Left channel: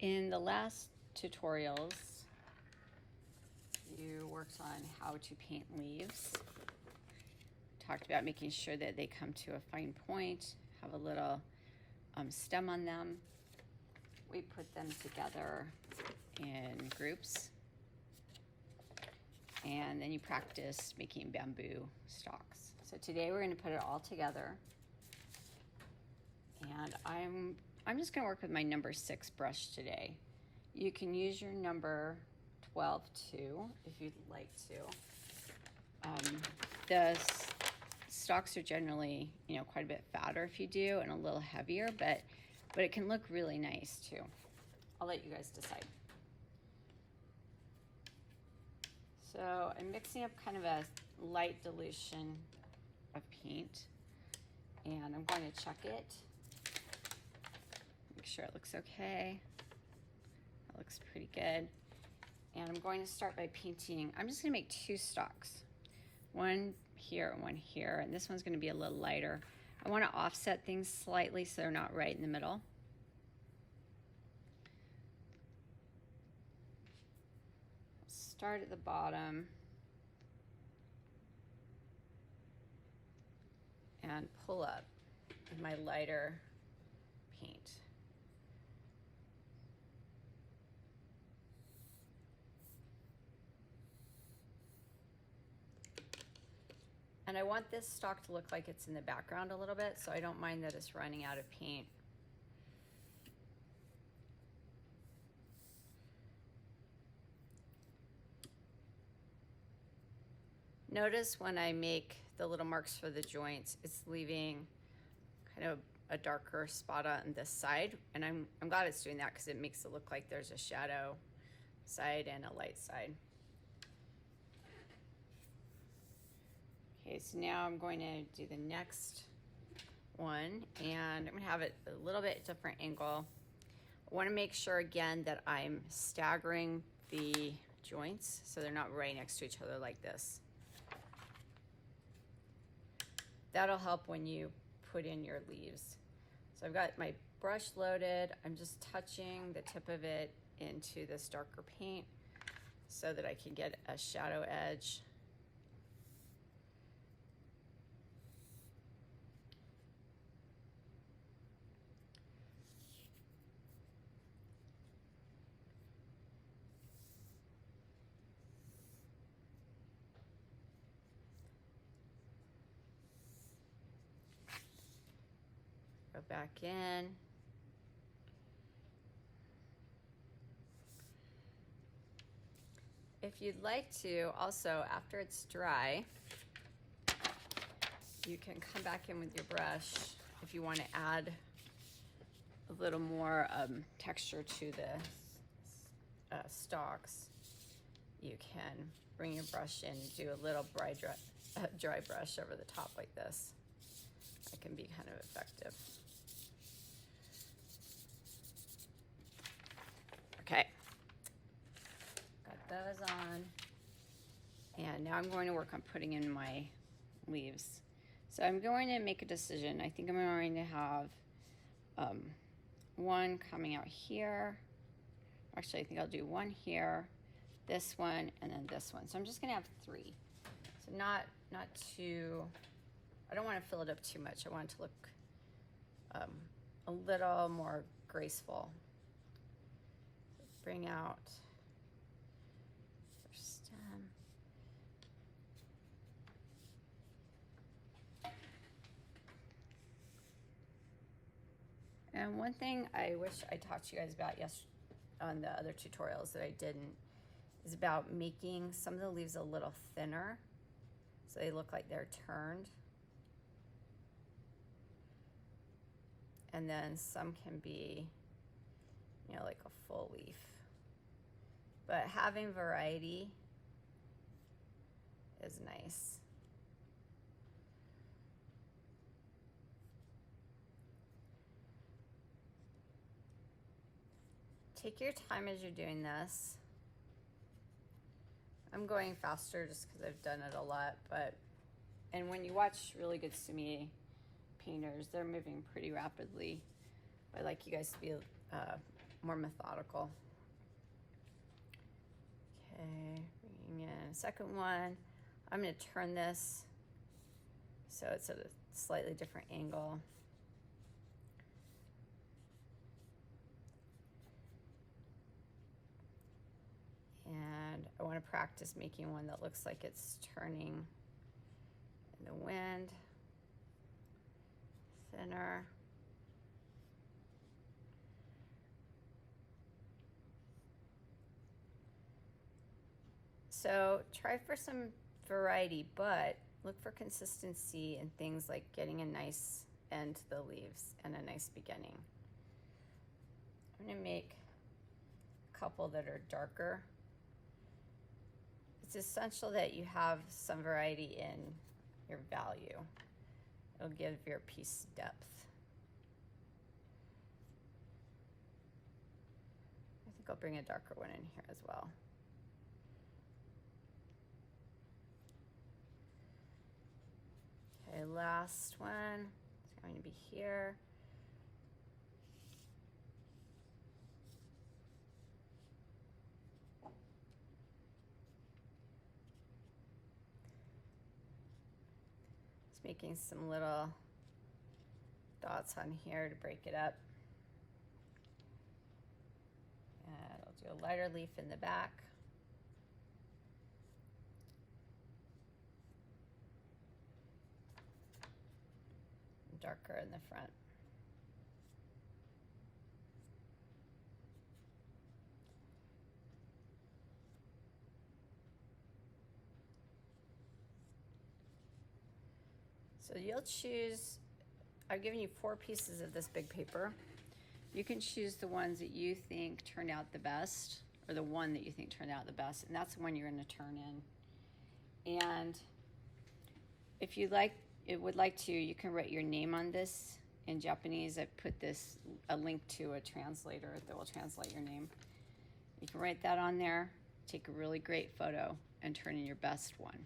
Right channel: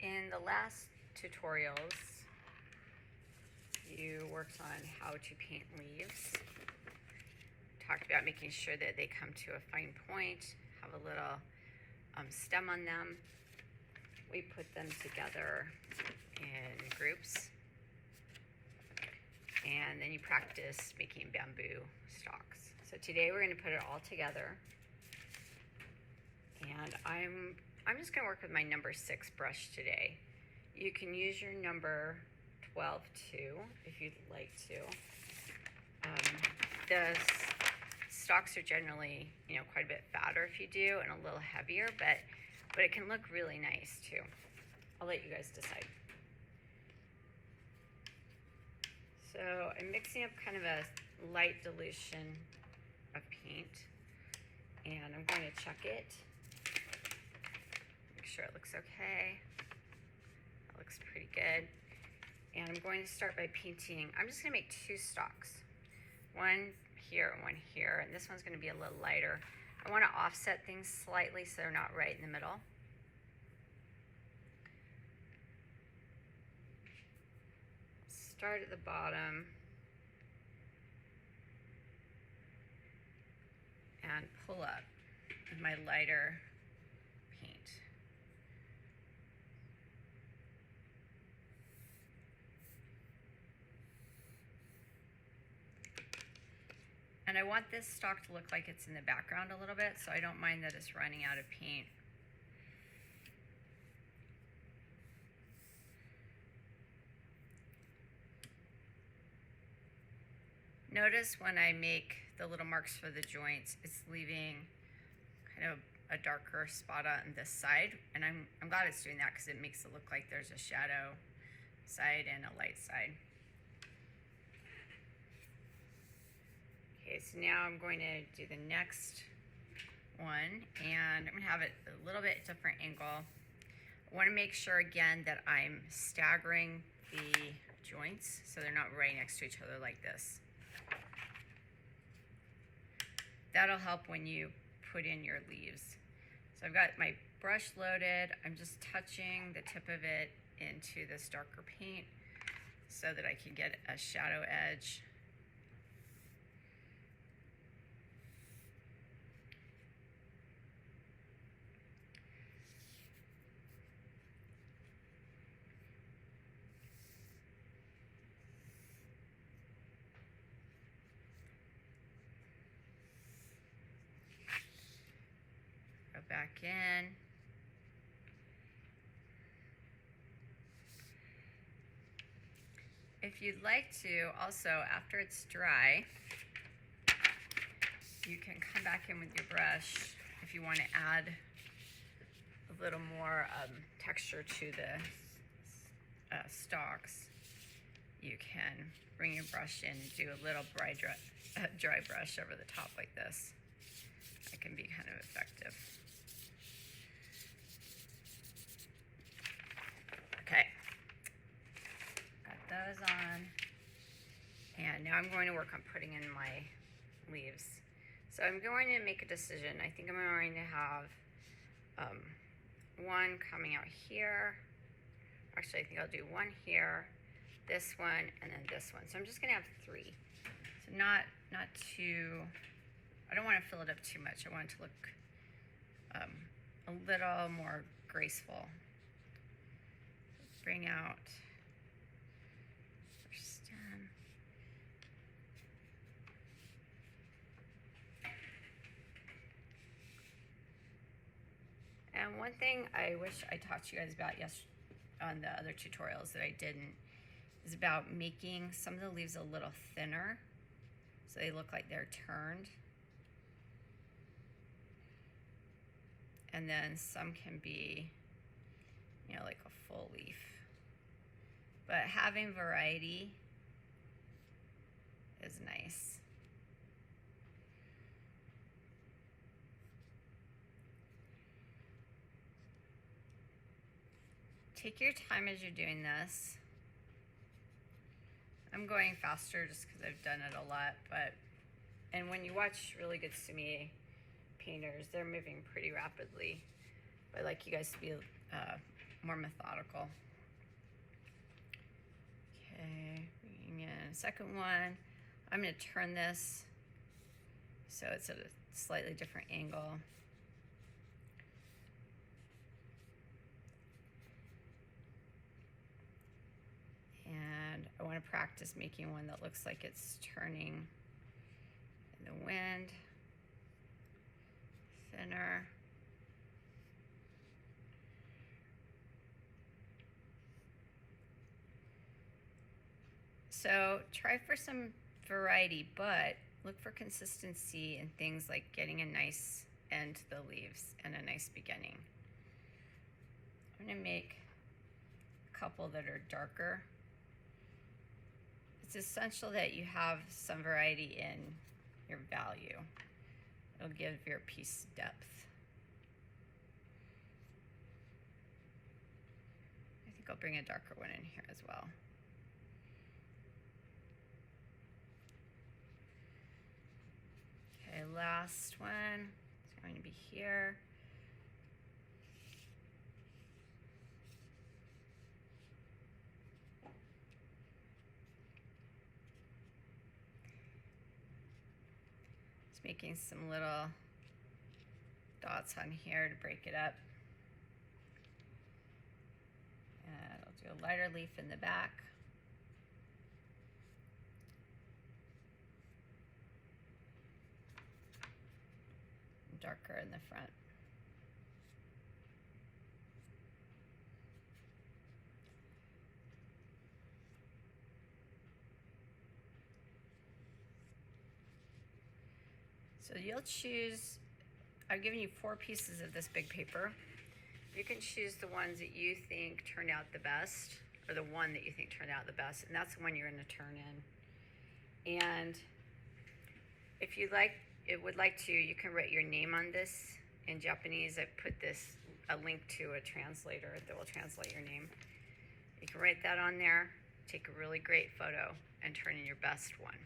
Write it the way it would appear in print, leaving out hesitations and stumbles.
In the last tutorials, you worked on how to paint leaves. Talked about making sure that they come to a fine point, have a little stem on them. We put them together in groups. And then you practice making bamboo stalks. So today we're going to put it all together. And I'm just going to work with my number 6 brush today. You can use your number 12 too, if you'd like to. The stalks are generally, quite a bit fatter if you do, and a little heavier, but it can look really nice too. I'll let you guys decide. So I'm mixing up kind of a light dilution of paint, and I'm going to check it. Make sure it looks okay. It looks pretty good. And I'm going to start by painting. I'm just going to make 2 stalks. One here and one here, and this one's going to be a little lighter. I want to offset things slightly so they're not right in the middle. Start at the bottom and pull up with my lighter paint. And I want this stalk to look like it's in the background a little bit, so I don't mind that it's running out of paint. Notice when I make the little marks for the joints, it's leaving kind of a darker spot on this side, and I'm glad it's doing that because it makes it look like there's a shadow side and a light side. Okay, so now I'm going to do the next one, and I'm going to have it a little bit different angle. I want to make sure again that I'm staggering the joints so they're not right next to each other like this. That'll help when you put in your leaves. So I've got my brush loaded. I'm just touching the tip of it into this darker paint so that I can get a shadow edge. Go back in. If you'd like to, also after it's dry, you can come back in with your brush if you want to add a little more texture to the stalks. You can bring your brush in and do a little dry brush over the top like this. It can be kind of effective. Okay, got those on. And now I'm going to work on putting in my leaves. So I'm going to make a decision. I think I'm going to have one coming out here. Actually, I think I'll do one here, this one, and then this one. So I'm just gonna have 3. So not too, I don't want to fill it up too much. I want it to look a little more graceful. Bring out first stem. And one thing I wish I talked to you guys about on the other tutorials that I didn't is about making some of the leaves a little thinner so they look like they're turned. And then some can be, like a full leaf. But having variety is nice. Take your time as you're doing this. I'm going faster just because I've done it a lot, and when you watch really good Sumi-e painters, they're moving pretty rapidly. I like you guys to be more methodical. Okay, bringing in a second one. I'm going to turn this so it's at a slightly different angle. And I want to practice making one that looks like it's turning in the wind. Thinner. So try for some variety, but look for consistency in things like getting a nice end to the leaves and a nice beginning. I'm going to make a couple that are darker. It's essential that you have some variety in your value. It'll give your piece depth. I think I'll bring a darker one in here as well. Okay, last one is going to be here. Just making some little dots on here to break it up. And I'll do a lighter leaf in the back. Darker in the front. So you'll choose, I've given you 4 pieces of this big paper. You can choose the ones that you think turned out the best, or the one that you think turned out the best, and that's the one you're going to turn in. And if you would like to, you can write your name on this in Japanese. I put a link to a translator that will translate your name. You can write that on there, take a really great photo, and turn in your best one.